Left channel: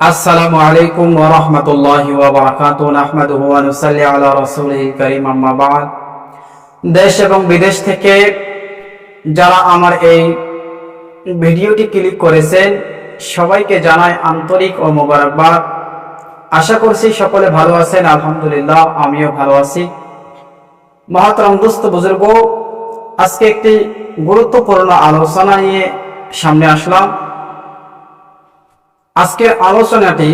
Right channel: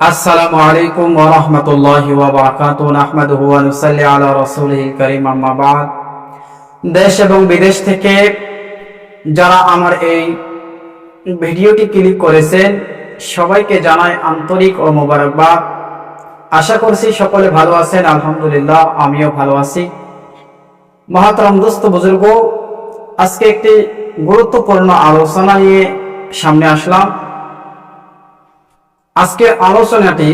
আসসালামু আলাইকুম ওয়া রাহমাতুল্লাহি ওয়া বারাকাতুহু নাহমাদুহু ওয়া নুসাল্লি আলা রাসূলিল কারীম আম্মা বা'দ। দেশ এবং বিদেশ থেকে যারা আমার এই ভিডিওটি ক্লিক করেছেন সবাইকে জানাই আন্তরিক ও মোবারকবাদ। আশা করছি সকলে ভালো আছেন। আলহামদুলিল্লাহ আমিও ভালো আছি। মহতরম দোস্ত বুজুর্গ, আজকে একটি গুরুত্বপূর্ণ আলোচনা নিয়ে সামনে আসলাম। আজকের আলোচনাটি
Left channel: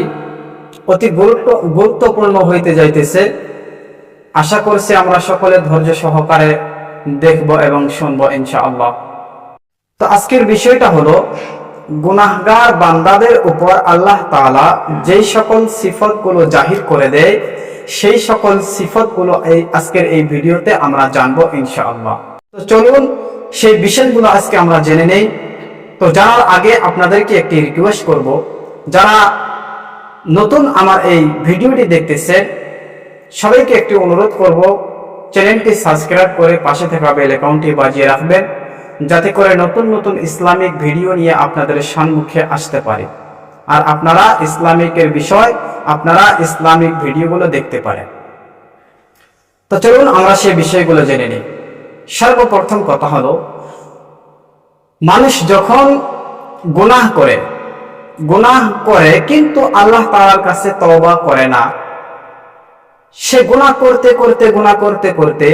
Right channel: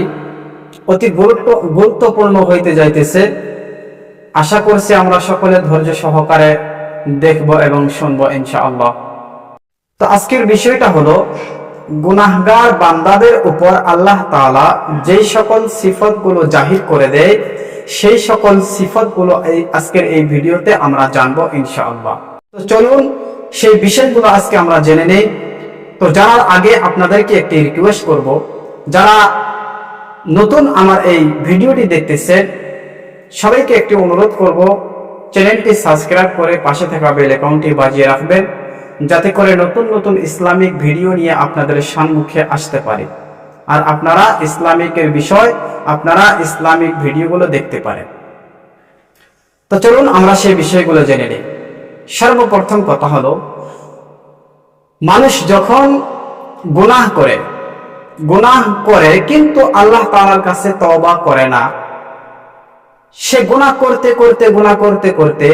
অতি গুরুত্বপূর্ণ হইতে যাইতেছে। আশা করছি আমরা সকলে ধৈর্য সহকারে দেখব এবং শুনব ইনশাআল্লাহ। তো আজকের বিষয়টা হলো গুনাহগার বান্দাদের উপর আল্লাহ তাআলা যেই সকল সিফতগুলো জাহির করে দেয় সেই সকল সিফতগুলো আজকের এই ভিডিওতে আমরা জানবো ইনশাআল্লাহ। তো চলুন সেই বিষয়গুলো আজকে আমরা জেনে নেই। তো জানার আগে আপনাদেরকে একটি রিকোয়েস্ট করব, যারা নতুন আমার এই ভিডিওটি দেখতেছেন সবাইকে একটি অনুরোধ করব, চ্যানেলটি সাবস্ক্রাইব করে পাশে থাকা বেল আইকনটি বাজিয়ে রাখবেন, যাতে করে নতুন নতুন ইসলামিক ভিডিও নিয়ে আপনাদের সম্মুখে আসতে পারে আর আপনারা ইসলামিকের বিষয় আপনারা ইসলামিক ভিডিওগুলো দেখতে পারেন। তো চলুন আমরা সেই বিষয়গুলো জেনে নিই। সর্বপ্রথম কথা হলো, মানুষ যখন গুনাহ করে কিন্তু আল্লাহ তাআলার কাছে তওবা করে না, সে গুনাহ করতে করতে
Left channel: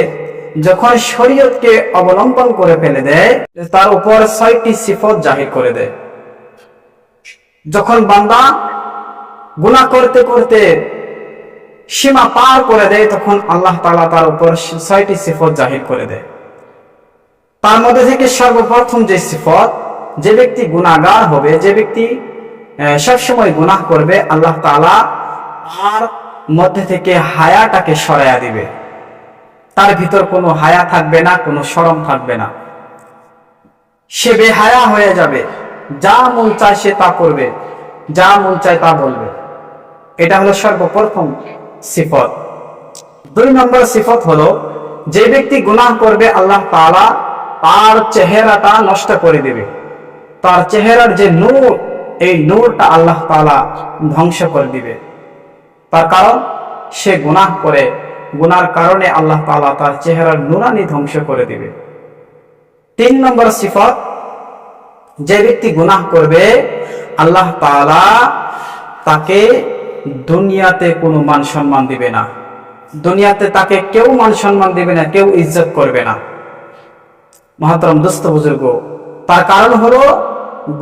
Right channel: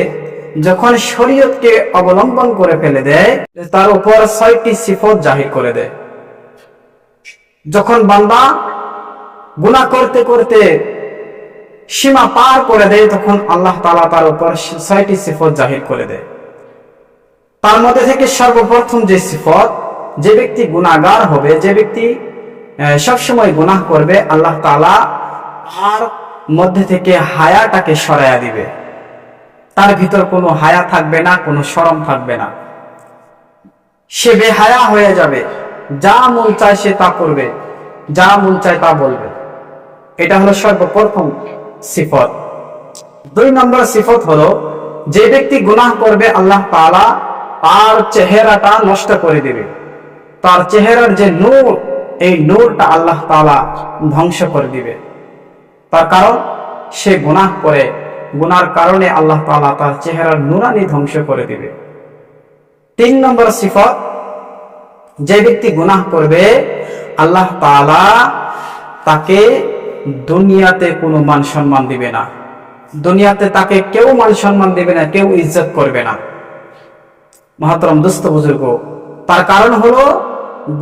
যখন শরীয়তকে অবলম্বন করে ফেলে দেয়, তার উপর ৬টি সিফত জাহির করে দেয়। যখন বান্দা গুনাহ করতে সীমা পার করে দেয়, তখন আল্লাহ তাআলা তার উপর ৬টি সিফত জাহির করে দেয়। তার মধ্যে থেকে সর্বপ্রথম যে সিফত, যে ব্যক্তি গুনাহগার হবে, যে ব্যক্তি সবসময় গুনাহ করবে, আল্লাহ তাআলা তার মধ্যে থেকে হায়াটাকে সরাইয়া দিবে। তার ভিতর কোনো হায়া থাকবে না, কোনো শরম থাকবে না, সে বেহায়া হয়ে যাবে। যা মন চায় সে তা করবে, যা মন চায় তা বলবে। এটা হলো সর্বপ্রথম সিফত। ২ নম্বর সিফত হলো, যে ব্যক্তি গুনাহ করবে আল্লাহ তাআলা তার চেহারাটা নষ্ট করে দিবে। তার চেহারার যে নূর, এই নূরটা আল্লাহ তাআলা ধ্বংস করে দিবে। তার কারণ সে গুনাহ করে, গুনার কারণে আল্লাহ তাআলা তার চেহারার নূরানি ধ্বংস করে দিবে। ৩ নম্বর সিফত, যে ব্যক্তি গুনাহ করবে আল্লাহ তাআলা তাকে দুনিয়াতে কোনো মান সম্মান দিবে না। দুনিয়াতে তাকে কেউ মান সম্মান দিবে না, কেউ ইজ্জত করবে না। মহতরম দোস্ত বুজুর্গ, তার কারণ হলো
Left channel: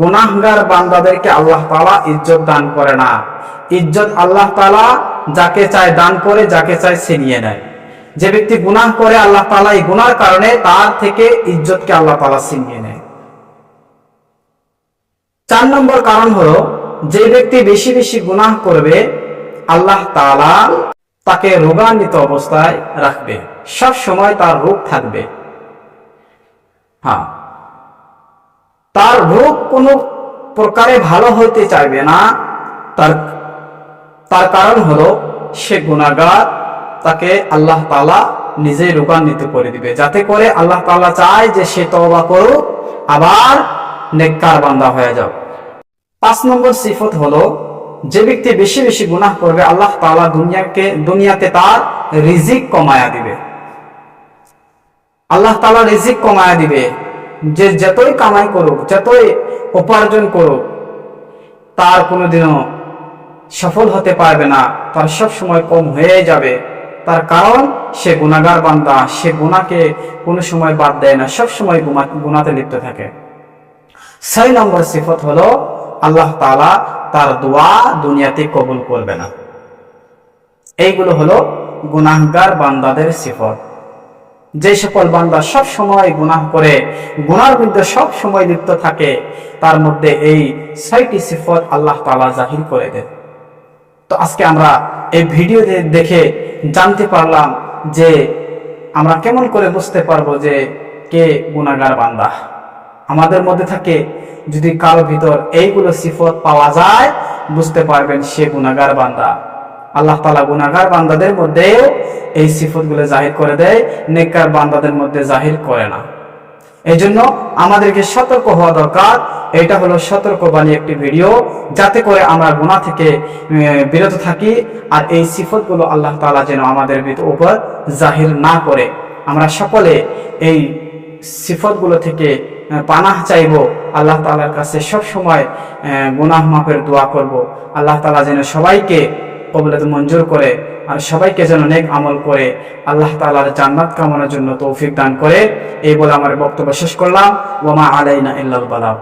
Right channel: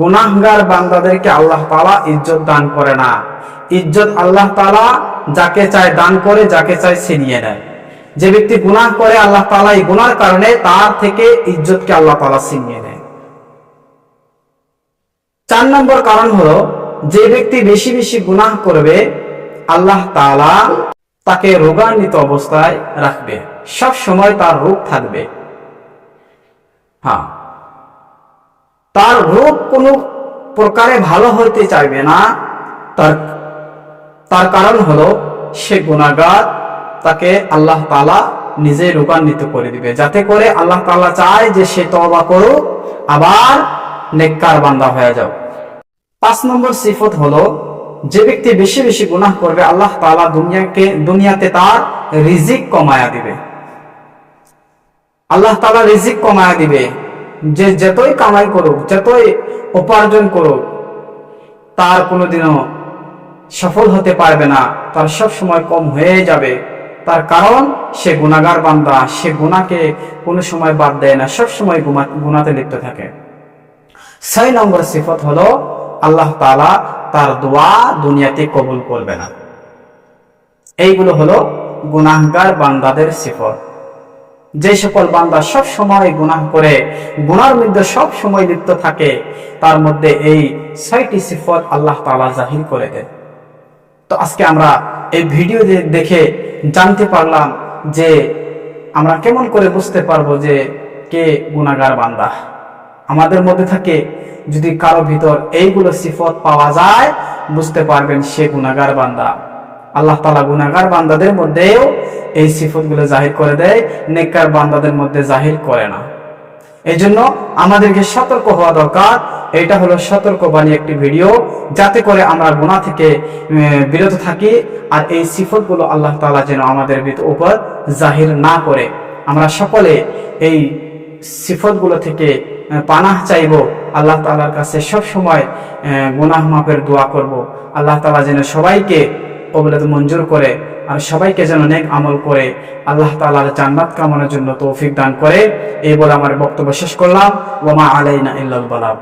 গুনাহগার বান্দাদেরকে আল্লাহ তাআলা ইজ্জত দান করে না। ইজ্জত আল্লাহ তাআলা যাকে চায় দান করে, যাকে চায় ছিনিয়ে নেয়। যে ব্যক্তি গুনাহ করে আল্লাহ তাআলা এই গুনার কারণে তার থেকে ইজ্জতকে আল্লাহ তাআলা ছিনিয়ে নেয়। ৪ নম্বর কারণ হলো, যে ব্যক্তি বেশি বেশি গুনাহ করবে আল্লাহ তাআলা তাকে রোগান্বিত অবস্থায় রাখবে, সব সময় তার রোগ থাকবে। তার রোগ কোনো প্রকারে ভালো হতে চাইবে না। তার কারণ হলো সে গুনাহগার, তাকে আল্লাহ তাআলা নিজেই রোগান্বিত করে দিবে, যাতে করে আল্লাহ তাআলা চায় যে সে তওবা করুক, আবার নেককার বান্দা হয়ে যাও। ৫ নম্বর সিফত হলো, যে ব্যক্তি বেশি বেশি গুনাহ করবে আল্লাহ তাআলা দুনিয়াতে তার রিজিক কমায়া দিবে। আল্লাহ তাআলা রিজিক কমায়া দিবে। যে যতই কামাই করুক, যতই উপার্জন করুক, তার কোনোদিনও সফল হতে পারবে না, তার সব সময় কম হয়ে যাবে। তার কারণ সে গুনাহগার বান্দা, সে গুনাহকে কোনো সময় বাদ দেয় না, সব সময় গুনাহতে লিপ্ত থাকে। ৬ নম্বর সিফত হলো, আল্লাহ তাআলা তার দোয়া দুনিয়াতে কবুল করবে না। এইগুলো হলো গুনাহগার বান্দাদের সিফত। যে সকল বান্দা সব সময় গুনাহ করে, গুনার মধ্যে সব সময় লিপ্ত থাকে, তার মধ্যে এই ৬টি সিফত আল্লাহ তাআলা জাহির করে দেন। তো আজকে আমরা এই ভিডিও দেখে জানতে পারলাম যে আমরা কেমন করে বুঝতে পারবো যে কে গুনাহগার বান্দা। আমাদের মধ্যে থাকে, যদি কারো ভিতর এইগুলো সিফত পাওয়া যায়, বুঝতে পারবেন সে গুনাহগার বান্দা। আল্লাহ তাআলা গুনাহগার বান্দাদের মধ্যেও এই সিফতগুলো জাহির করে দেয়, নেককার বান্দাদের মধ্যে জাহির করে না। এই জন্য আমাদেরকে সতর্ক হওয়া দরকার। এটা হলো সতর্কবাণী একটি ভিডিও, যাতে করে আমরা গুনাহ থেকে বিরত থাকি, আর এই সিফতগুলো আল্লাহ তাআলা যেন আমাদের উপর জাহির না করে। আমরা সকলে এই সিফতগুলো থেকে পানাহ চাইব, আল্লাহ তাআলার কাছে সব সময় গুনাহ মাফের দোয়া করব। আল্লাহ তাআলা যেন সবাইকে কবুলত মঞ্জুর করে, আর সবাইকে যেন নেক আমল করে আল্লাহ তাআলার জান্নাত কামনার জন্য তৌফিক দান করে। এই বলে আমার বক্তব্য শেষ করলাম। ওয়া মা আলাইনা ইল্লাল বালাগ।